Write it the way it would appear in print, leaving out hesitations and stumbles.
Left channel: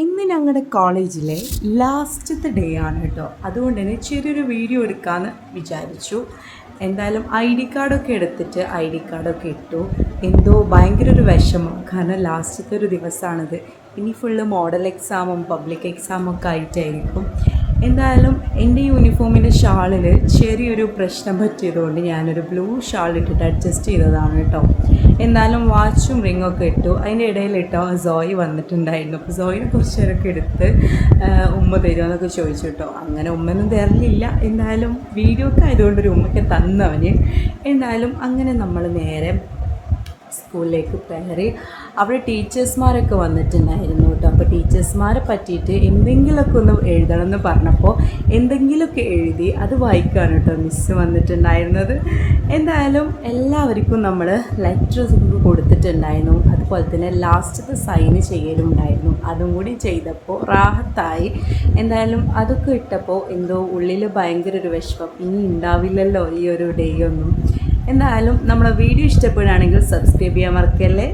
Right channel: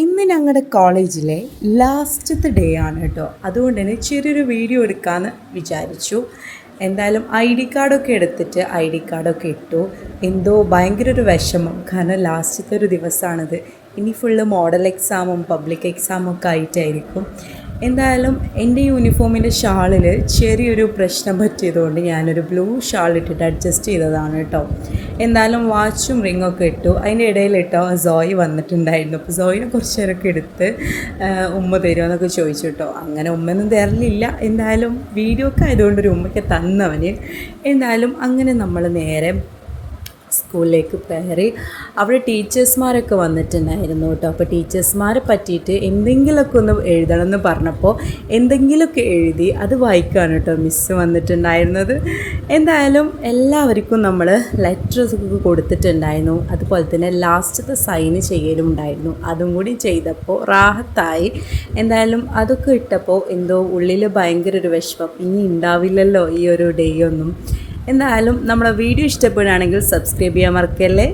ഇന്ന് ഞങ്ങളുടെ കോളേജിലെ ലാസ്റ്റത്തെ ഡേ ആണ് കേട്ടോ. അതുകൊണ്ട് തന്നെ ചെറിയൊരു വീഡിയോ എടുക്കാമെന്ന് വിചാരിച്ചു. എന്തായാലും ഐ ഡി കാർഡൊക്കെ എടുത്തിട്ട് ഐ ഡി കാർഡൊക്കെ ഇട്ടു. എന്തോ ഭയങ്കര ഒരു വിഷമം, കാരണം ലാസ്റ്റത്തെ ഒരു ദിവസമാണിത്. ഇനി ഫുള്ള് മോഡൽ എക്സാമും പബ്ലിക് എക്സാമും ഒക്കെ ആയിട്ടായിരിക്കും. എന്തായാലും എൻ്റെ യൂണിഫോമിൻ്റെ ഷാളിൽ ചെറിയൊരു പ്രശ്നം പറ്റിയതുകൊണ്ട് ഞാനൊരു ബ്ലൂ ഷാൾ ഇട്ടിട്ട് അഡ്ജസ്റ്റ് ചെയ്തതാണ് കേട്ടോ. എന്തായാലും വാച്ചും റിങ്ങൊക്കെ ഇട്ടു. അതിൻ്റെ ഇടയിലിട്ടോ സോയി വന്നിട്ടുണ്ടായിരുന്നു. അപ്പോൾ സോയിനെ കുറച്ച് നേരമൊക്കെ എടുത്ത് ഉമ്മ തരുമോ എന്നൊക്കെ ചോദിച്ചു കേട്ടോ. അങ്ങനെ ഉമ്മയൊന്നും തരലില്ല, എന്തായാലും വീഡിയോ ഒക്കെ ആയതുകൊണ്ടൊരു ഉമ്മയ്ക്ക് തന്നവന്. എന്തായാലും അങ്ങനെ നമ്മൾ നേരെ സ്കൂളിലേക്ക് കയറി. അവിടെ ടീച്ചേഴ്സ്മാരൊക്കെ വന്നിട്ടുണ്ടായിരുന്നു കേട്ടോ. അപ്പോൾ ടീച്ചേഴ്സ്മാരെ പറ്റിയിട്ട് എന്തെങ്കിലുമൊക്കെ ഒന്ന് എഴുതണമെന്ന് പറഞ്ഞപ്പോൾ എന്തെങ്കിലുമൊക്കെ എഴുതി അത് വായിക്കാണ് കേട്ടോ മിസ്സ് വന്നിട്ടുണ്ടായിരുന്നത്. എന്തായാലും എല്ലാവർക്കും നമ്മൾ ലെറ്റേഴ്സൊക്കെ കൊടുത്തിട്ടുണ്ടായിരുന്നു. അതുപോലെ തന്നെ ലാസ്റ്റത്തെ സൈന് ചെയ്യലും ഉണ്ടായിരുന്നു. അതും കൂടി ചെയ്തപ്പോൾ റാഹത്തായി. എന്തായാലും അതൊക്കെ ഇട്ടപ്പോൾ എന്തോ ഉള്ളിൽ ഭയങ്കര ഒരു വിഷമം, ഇനി ഉണ്ടാവില്ലല്ലോ ഈ ഒരു ഡേ ഒന്നും. എന്തായാലും നമ്മളെ വീഡിയോ ഇഷ്ടപ്പെടുകയാണെങ്കിൽ സബ്സ്ക്രൈബ് ചെയ്യാൻ മറക്കല്ലേ.